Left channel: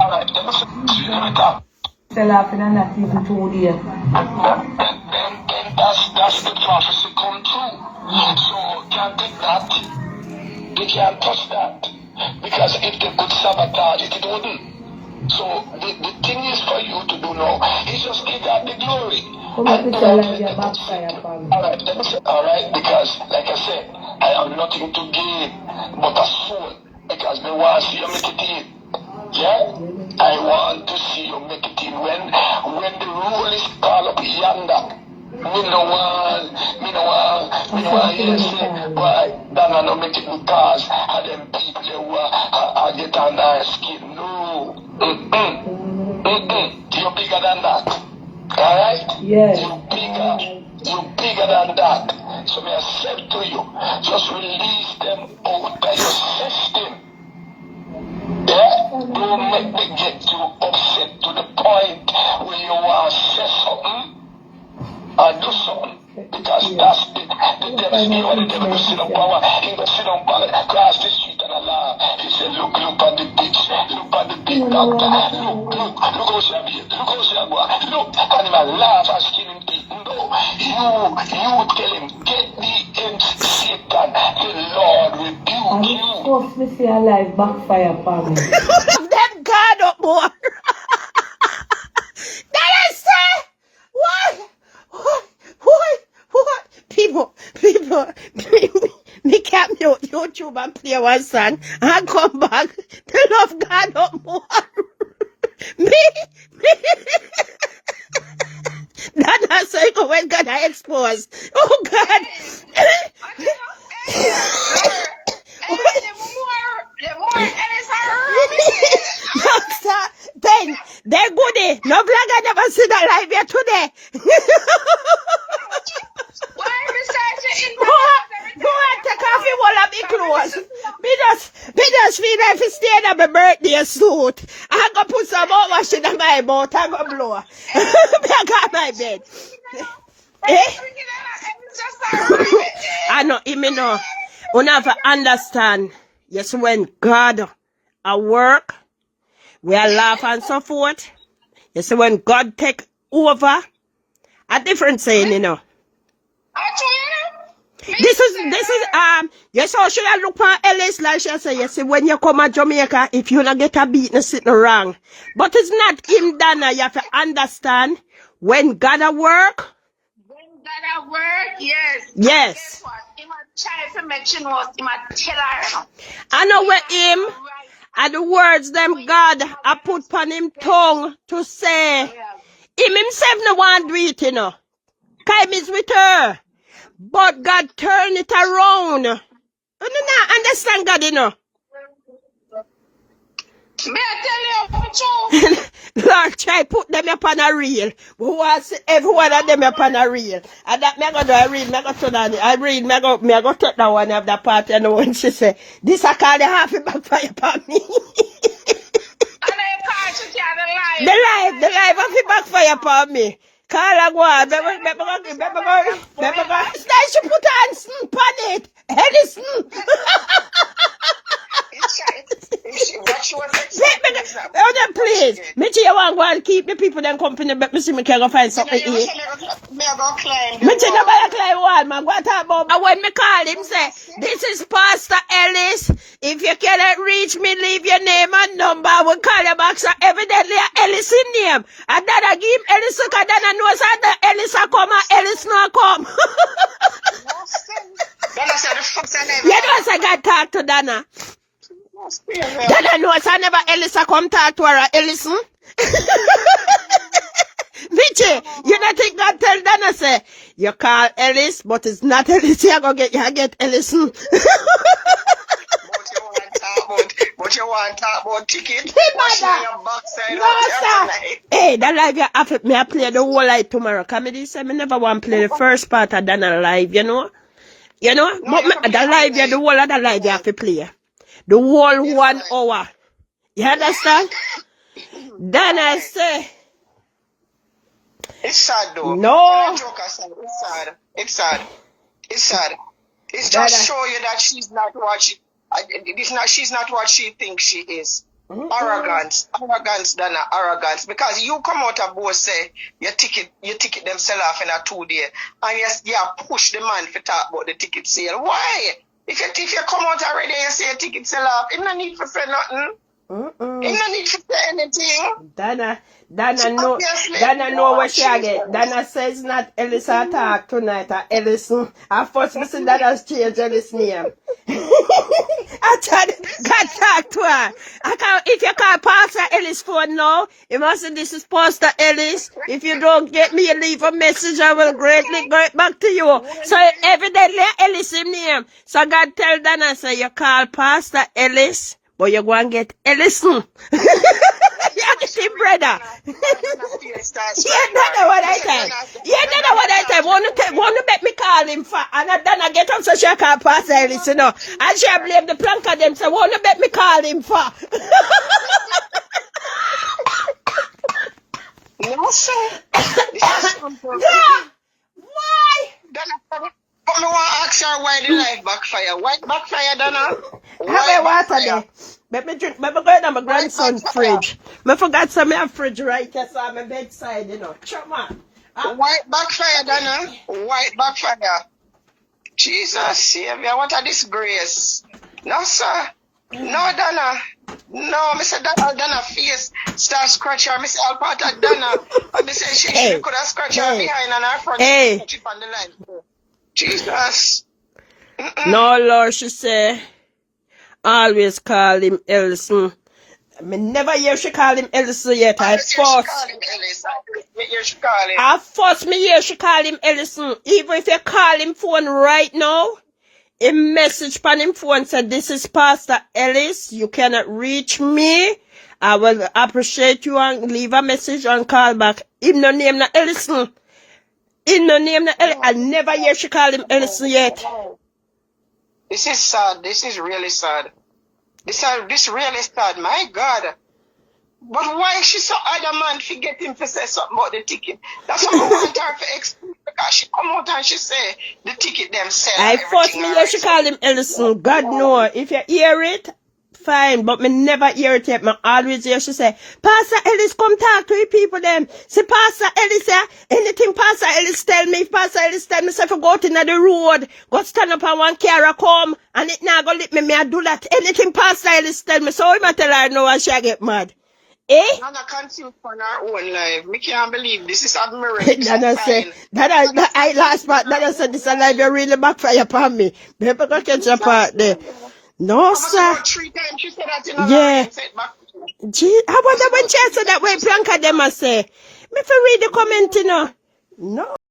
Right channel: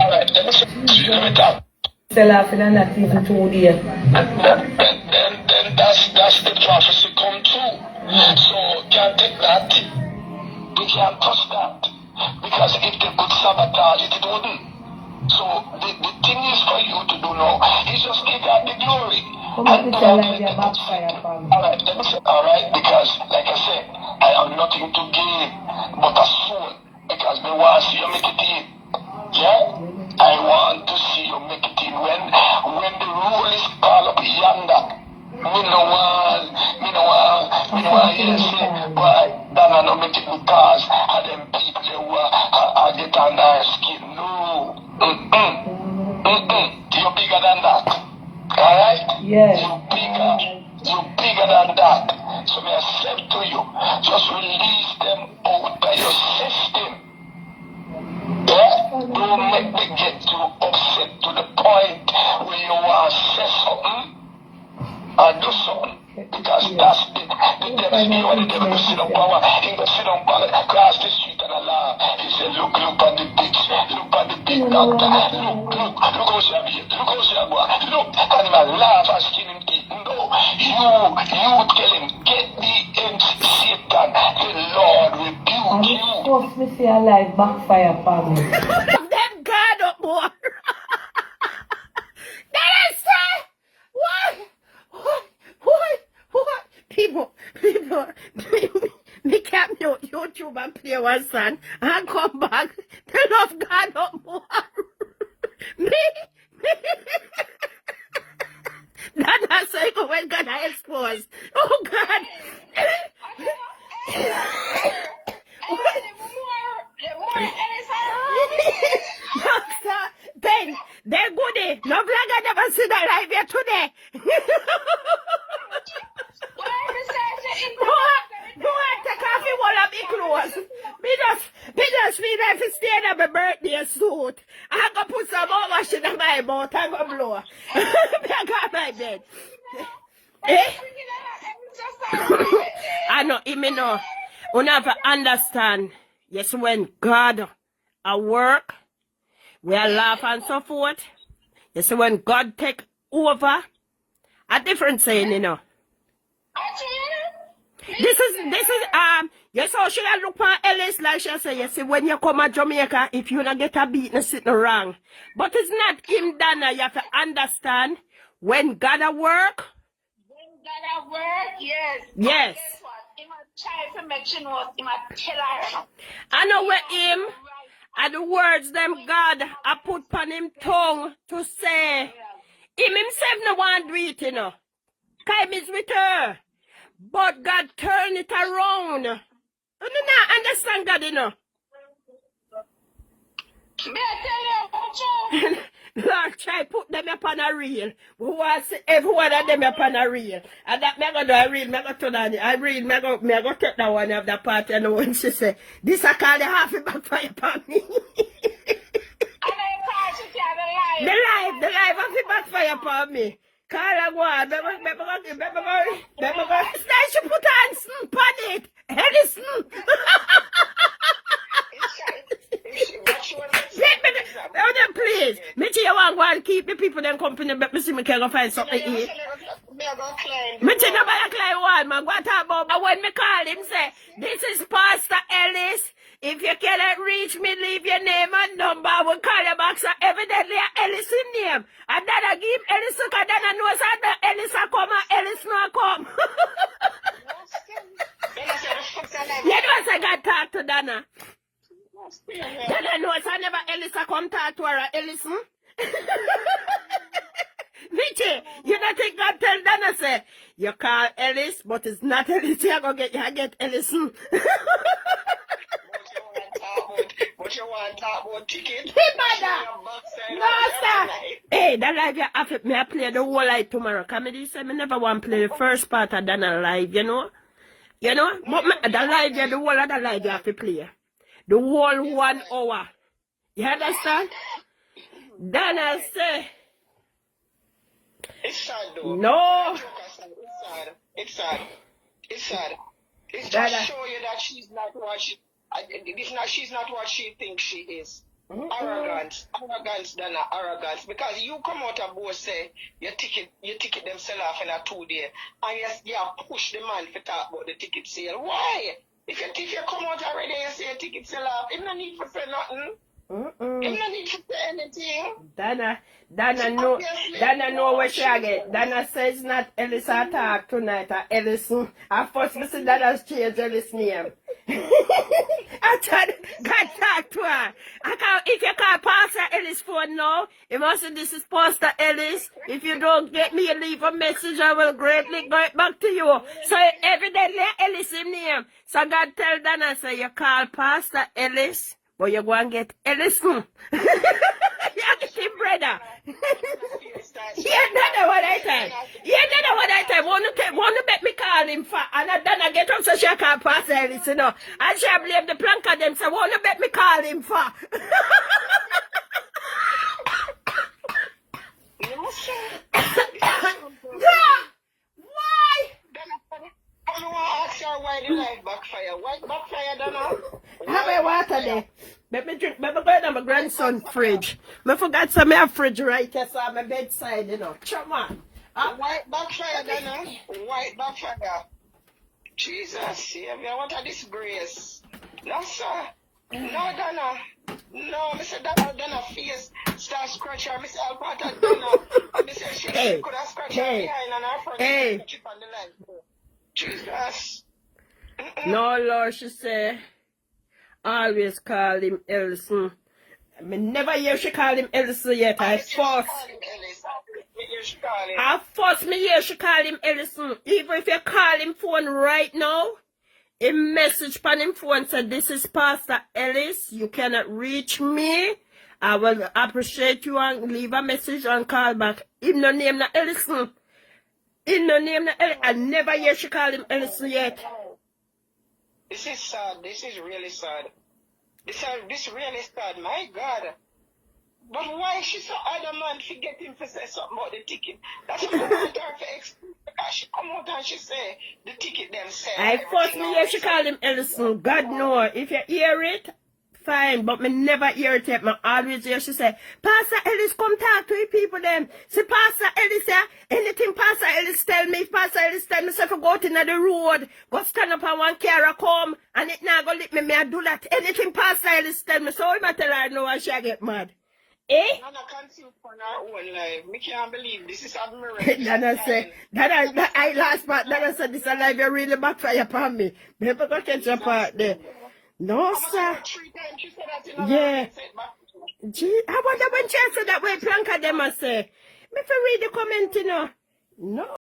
Alright, let me talk. Sell off in a not even 2 days. Then that's the prophecy come true. So can't take that. They can't touch that. Because if they could sabotage it, it wouldn't. So the thing is for you to do now is just give God the glory. And do not let the backfire. Alright, let me say, alright, because like I said, I have nothing to gain but a soul. Because me want to see you make it in. Yeah? I want to see you make it in. When the rule is called up yonder, me no want, yes, but Donna no make it because of them people who are get on their skin. No. You're bigger than that. Alright? Yes. You're bigger than that. So may I say to you, just release them out of your system. Yeah? Don't make them get too upset to the point where you want to say something or do something. Because that's the destiny when the devil will sit on power. He will sit on power across the street and Allah. He said, look at the bitch. Look at the big doctor. Look how she be. Look how she go. Look, and he will laugh and skin him teeth. No, you tell him, get the end, Satan. The Lord rebuke you. Of me see a live backfire family. Them God up more. Then I say, what? People, me can't mute YouTube and play one song and come back. They love God up more. me. That's why when God I exposed. Oh God. Then they're goody. No vlog I never see that live here today. Go and take off your wall of me clothes. Me just feel like to stay in my birthday suit. I'm gonna put some more washing in my boat. I'm gonna blow. I got my bed. I know, me know. You never understand. Yes, when God at work, we are laugh and so forth. Yes, when God take over, a different saying, you know. This is yes, so should I look for Ellis like she say, yes, when you come to Jamaica, if you not get a beat, no sitting wrong. But it's not him, Donna. You have to understand when God at work. When God at work, yes. Yes. Guess what? He might try to mention what he might tell her. I know where him and the words them God I put upon him tongue to say. Him himself no want to do it, you know. Time is with her. But God turn it around. You don't understand God, you know. May I tell you what Lord, try put them upon a reel. We want to see every one of them upon a reel. And that me go do a read, me go turn on it. I read, me go take that one of that part, you know, when she say, this I call the half a backfire upon me. The life of the backfire upon me. Call a one, remember go. Then she put on on it. Edison. Please, me you want to keep the people then company, but me see me can go find something to eat. Me see nobody climb one, man. What about? And when me call him, say, this is Pastor Ellis. If you cannot reach me, leave your name and number. I will call you back. So evidently, Ellis in name. And then I give him Ellis, because then I know that Ellis a come and Ellis not come. You know, I got talk to Donna. Donna knows I never Ellis a come talk to her. Ellison. Michi, you don't think God tell Donna say, you call Ellis, but it's not Ellis. You get Ellison. But you want to talk about ticket? Hey, that live you have me I play the whole live tomorrow. Come me say me never want to play the first part of Donna live, you know? You know? No, but the live the whole of the live you have to play. The whole 1 hour. You understand? Then I say it's sad though. No. It's sad. It's just show you that she's not what she's not what she thinks she is. Arrogance, Donna, arrogance. Because you come out of both say your ticket them sell off in a 2 day, and you push the man for talk about the ticket sale. Why? If you come out already and say your ticket sell off, you no need to say nothing. You no need to say anything. Donna know what she get. Donna says not Ellis attack tonight or Ellison. I first listen that has changed Ellis name. I tried got talk to her. If you call Pastor Ellis phone now, you must say this is Pastor Ellis. If you don't get me, you leave a message, I will greatly get back to you. So evidently Ellis in name. So God tell Donna, say you call Pastor Ellis, but you go and get Ellison. You're the same brother. You don't know what I tell. Want to make me call him for, and then I get up so she can't pass Ellis, you know. And she blame the plank of them, so want to make me call him for. No, sir. Yeah. Why? Donna, I want to ask her why the life backfire. Why backfire, Donna? Have a water there. Let me drink. Let me go in my grandson's fridge. I forgot some of fridge right here, so I'm my bedside, you know. Come on. White backfire, Donna. White backfire. Jesus, Savior, what a disgrace. No, sir. No, Donna. No, Mr. Donna face start scratch her. Mr. Alpata Donna. And they say she could have scratched her behind and her front. She on the line. Jesus. No, Lord, she say. Always call him Ellison. I never hear she call him Ellison yet. I force me hear she call him Ellison. Even if you call him phone right now, a message on him phone said, this is Pastor Ellis. You cannot reach me. I will appreciate you and leave a message and call back. Him no name na Ellison. Him no name na Ellison. I never hear she call him Ellison yet. This is sad. This is really sad. This really sad. My God. But why she so adamant to get him to say something about the ticket? That's what I want her to explain. Because she come out and she say the ticket them sell. I first me hear she call him Ellison. God know. If you hear it, fine. But me never hear it yet. Me always hear she say, Pastor Ellis come talk to the people them. See Pastor Ellis here. Anything Pastor Ellis tell me. If Pastor Ellis tell me, say if I go out in the road, go stand up and one car come, and it now go let me I do that. Anything Pastor Ellis tell me. So I tell her no and she get mad. I'm not confused for our own life. Me can't believe this is admirable. Donna said, I last part, Donna said this alive you really backfire upon me. Never go catch a part there. No, sir. 3 times she said that in yeah. Gee, I wonder when she said that way, Planka them I say. Me for read the comment, you know. No.